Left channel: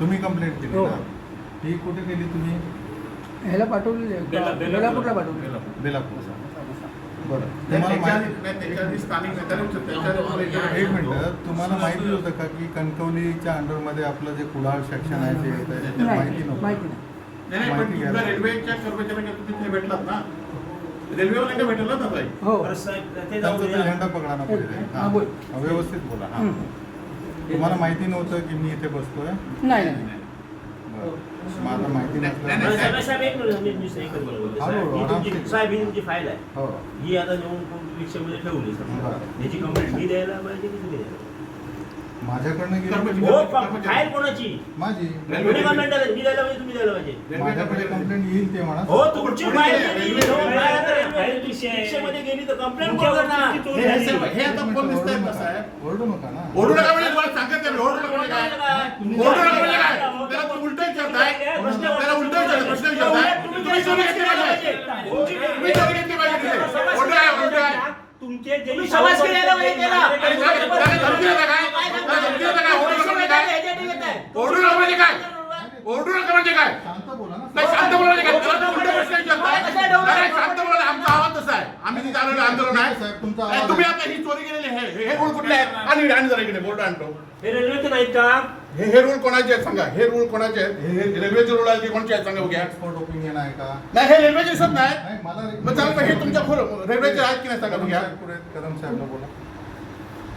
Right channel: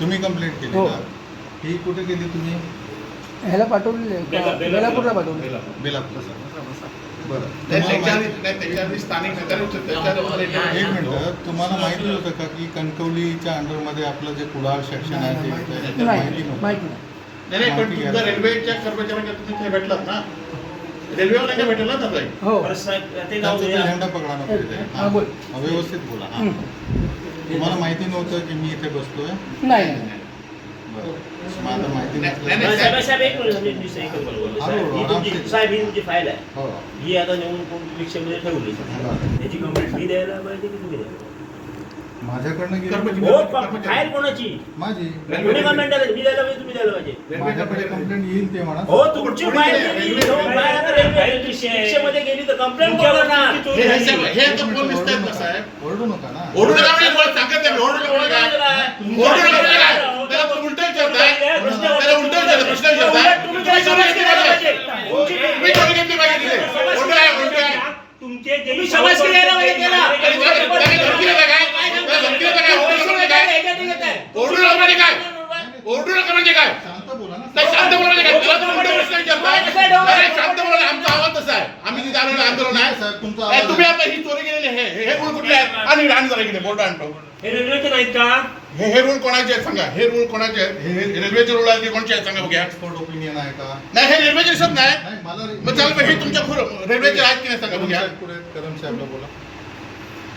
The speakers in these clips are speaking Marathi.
तुम्ही कंप्लेंट केली हो. का? ही कुठे केली तुम्ही? ह्याला पाठवलेलं आहे. बेलापूरला पाठवलं. बेलापूरला. बरं. त्याच्या आधी स्थानिक एक मिनिट, तुम्हाला माहिती होतं का की कणकवलीच्या अंडरमध्ये आपलं जे कुडाळ सेक्शन आहे ते येतं? नाही माहिती नव्हतं. माहिती नाही. नाही पण तुमच्या रेल्वेच्या कर्मचाऱ्यांना तुम्ही तिथे भेटलात ना, रेल्वेवाल्यांना भेटेल ना ताई? हो त्यांचा तो झेंडा पकडा ना पहिले. हा, बोल. व्यवस्थित बोला. हा. हं. तुम्हाला माहिती नव्हतं की मी इथे बसतोय? नाही नाही. बरं. मग आता माहिती नाही, नसलं. साहेब एक मिनिट साहेब ही तुमची फाईल आहे. हो. ही आता नेऊन रिक्षामध्ये ठेवली. बरं. याची कंप्लेंट मी द्यायला पाहिजे की तुम्ही द्यायला? माझ्याकडनं गेली. हो, फाईल कोणाची? माझी. कोणी कंप्लेंट द्यायला? मी द्यायला पाहिजे तुम्ही द्यायला पाहिजे? माझ्याकडे कंप्लेंट येईल ते म्हणा. हो, तुमची फाईल गेली. हो, फाईल आता रिक्षामध्ये गेली तर कंप्लेंट करा ना. हे आता कोण दिसतंय ना साहेब? ओरडू नका ना. ओरडू नका म्हणजे मला सांगत नाही, ओरडू नका म्हणजे काय? ओरडू नका म्हणजे काय? त्याला तुम्ही उलटं विचारताय. त्याला उलटं विचारताय, प्रश्न विचारताय. तुम्ही चोरी घेतली पाहिजे. तुम्ही चोरी घेतली पाहिजे तिथे. उलटं आहे, उलटं आहे. तुमचे जे समाजसेवी यायला पाहिजे त्याला. आणि धमकी देता काय? धमकी देता काय? ओरडू नका म्हणजे काय? ओरडू नका म्हणजे काय? ओरडू नका म्हणजे काय? शांत बोला ना. नाही, शांत बोला म्हणजे काय? त्याला तुम्ही उलटं प्रश्न विचारताय. नाही, शांत बोला. आमचा आवाज तसा आहे. आम्ही तिथे आलेलो आंदोलन आहे. साहेब, तुमचा नाही, आवाज- तुम्ही आता ही चोरी केलेली हे रूल कुठले आहेत? आणि जरा इकडे बोर्ड आणतो. हे रेल्वेचे नाहीत का? हे रूल कोणाचे आहेत सांगा? हे रूल कोणाचे आहेत? हे रेल्वेचे रूल आहेत ते कोणचे आहेत सांगा बघूया. एक्सपर्ट ओपिनियन आहे का? नाही, हे रेल्वेचे दिसत नाही. नाही, मला मग चालतं हे तुमच्या रेल्वेचे आहेत की नाही सांगा बघूया. कदम साहेबला बोला.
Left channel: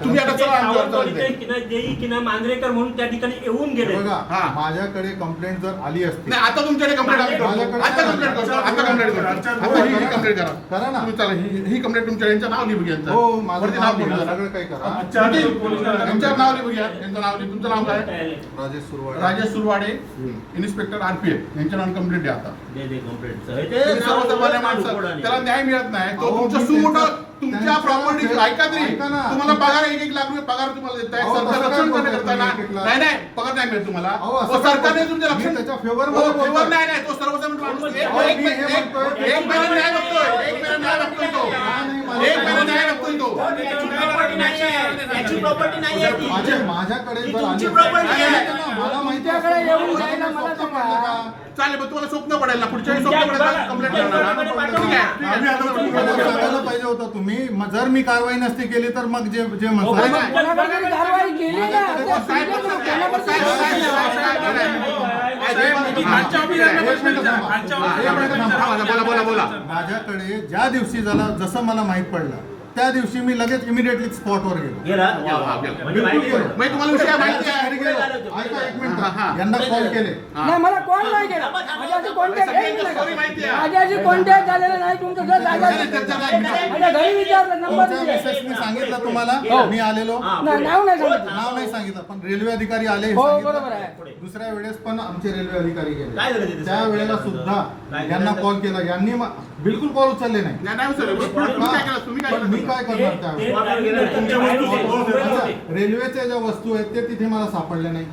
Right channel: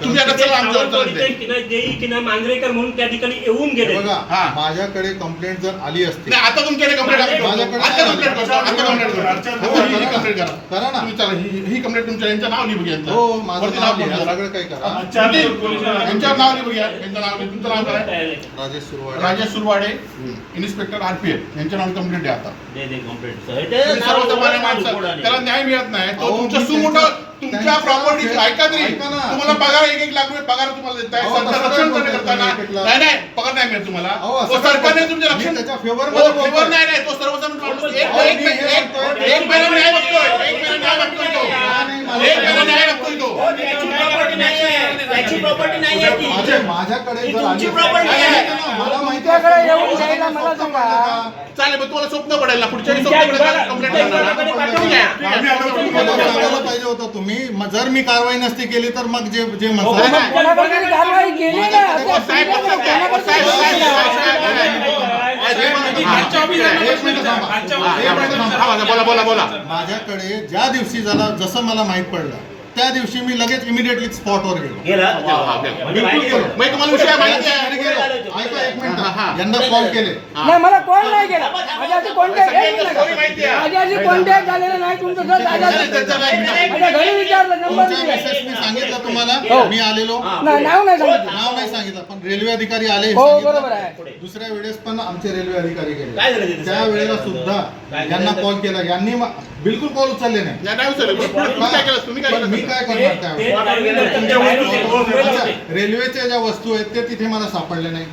तुम्ही आता चला आमच्या आपण इथे देई की नाही मांजरेकर म्हणून त्या ठिकाणी येऊन गेले. बघा, हा. माझ्याकडे कंप्लेंट जर आली असती. नाही, आता तुमच्याकडे कंप्लेंट आम्ही करतो. आता कंप्लेंट करतो. आता कंप्लेंट करतो. आता ही कंप्लेंट करा. करा ना. तुम्ही चला ही कंप्लेंट तुमच्या यांच्या नाव लिहू घ्या. हो, माझं वरती नाव लिहा. लिहा. सगळं काही करा. यांच्यावर नाव लिहू घ्या. यांचं नाव लिहा. तुमचं नाव काय? राजेश सुरवाडे. राजेश सुरवाडे, इन्स्पेक्टर RPF यांच्या नावाने कंप्लेंट द्या आता. दे कंप्लेंट तुम्ही सर्वसामान्य माणसं त्याला न्याय मिळत नाही. तो अहो, तुमच्या मी सुमोठं तुमच्या प्रॉपर्टीचं ऐका तरी ऐका ना. तुम्हाला पगार 1-1 लाख रुपये पगार तुम्हाला देत आहे. अहो, सरकार कसं रक्षण काय करताना बोलताय? नाही नाही पगार नाही मिळत तुम्हाला. अहो, असं हो, सरकारने काय तुमचे रक्षण मी त्याच्या favor हो, मध्ये बोलतोय. favor नाही नाही तो सर्वसामान्य माणूस एक अहो, एक- मी हे एक- म्हणतोय. एक महिना न्याय मागतोय. एक महिना न्याय मागतोय तो. एक महिना न्याय मागतोय तो. त्याची प्रॉपर्टी नाही आहे ती. माझ्याकडे ही जर तुमची आली- property आहे. मला माहिती तुमच्याकडे आहे. येऊन द्यायला मला स्वप्न सांगा. पडलं का? चालेल पण तुम्हाला स्वप्न पडेल ना पुढच्या वेळी स्वप्न पडेल ना कंप्लेंट करणार ना. ठीक आहे. मला सांगायला पाहिजे होतं तुम्ही. जर मी कारवाई नसती केली तर मग जे जे हो, म्हणताय- नाही. कोणाकडे तरी कारवाई केली ना. साहेब, साहेब, साहेब, बोला बोला. माझ्याकडे ज्या दिवशी जसं मला माहित पडलं त्या दिवशी मी लगेच इमिडिएटली स्पॉटवर गेलो. गेला म्हणजे तुम्हाला विषय माहिती आहे. ऐका एक मिनिट. हा. यांना कॉल केले. नाही मला कॉल नाही केला. माझ्या अशी कॉन्टॅक्ट स्टोरी माहिती आहे. माझ्या अशी कॉन्टॅक्ट झालेला नाही तुमचं जर माझ्या घरी विचारलं नंबर तुमच्या मेसेज मी सांगितलं हो. तुम्हाला. मी आलेलो. नाही नाव नाही सांगितलं. नाव नाही सांगितलं पण रेल्वे अधिकारी आले हे हो सांगितलं. बरोबर आहे. दुसऱ्या वेळेस पण आमचे रेल्वे अधिकारी काय झालं गेले. तिथे? त्या वेळेला सुद्धा यांना कॉल केला. यांनी बिलकुल कॉल उचलले नाही. नाही उचलले. तुम्ही काय केलं? तुम्ही काय पण मी केलं? काय करणार त्यावेळेस? अच्छा, रेल्वेच्या ज्या वस्तू आहेत ते तिथे मला सापडले नाही.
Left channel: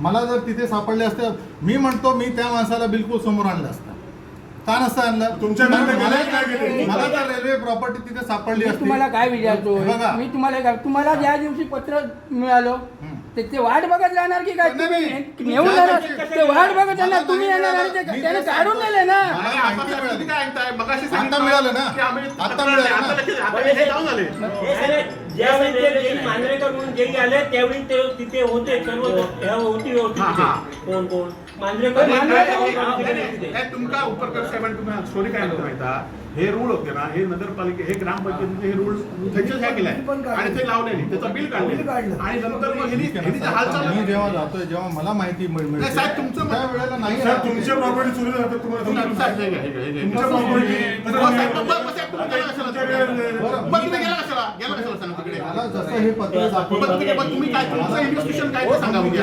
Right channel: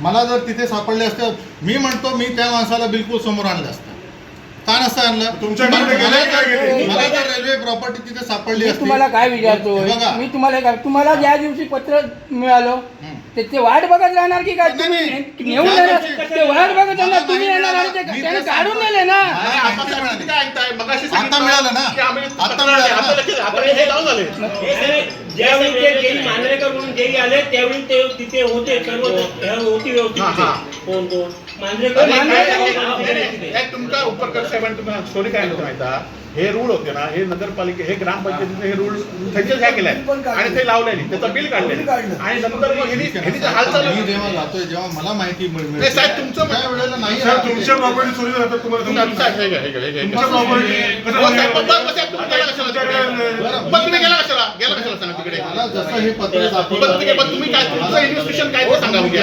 मला जर तिथे सापडले असते मी म्हणतो मी त्या माणसाला बिलकुल समोर आणलं असतं. का नसतं आणलं? तुमच्याकडे गेले, काय गेले? मला जर रेल्वे प्रॉपर्टी तिथे सापडली मी असती. तुम्हाला काय विचारतो बघा. मी तुम्हाला ज्या दिवशी पत्र मिळालं हं. ते वाट बघत राहणार की काय नाही, तुम्ही नाही. नेऊन जाणार ते वाट बघत राहणार तुम्ही येणार आणि ते मी त्याने ते काढून नेले ना. मला माहिती आपण मिळाली. काय ऐकताय? मगाशी आता सांगितलं मिळालं ना. की आम्ही आता मिळालं ना. आता हे जाऊन झाले. ज्यावेळी ते जेई मांजरेकर म्हणून जेई आले त्यावेळी ते तिथे होते सर्व होती हा, हा. कोण मांजरेकर अरे, मांजरेकर नाही, तुमचा उपरकर साहेबांनी तुम्हाला स्टोरी काय म्हणते माहिती आहे? हे रूल होते ना हे नगरपालिके हे ग्रामपंचायतीने हे रूल त्यांच्याच ह्या केलाय आणि ते लावलेली त्याचं बिल काढले आणि नंतर मग ह्यांनी हालचाल मी जेव्हा जातोय जेव्हा मला माहिती नाही साहेब तुमचं त्या वेळेला नाही साहेब, तुमच्या प्रॉपर्टी चोरी जातात तुम्हाला तुमच्या तुमच्या प्रॉपर्टी तुम्ही गेला कशाला सांगा तिकडे मला जसं हे पत्र दाखवलं तुम्ही काय तुमचं इन्व्हेस्टिगेशन काय ते सांगा म्हणजे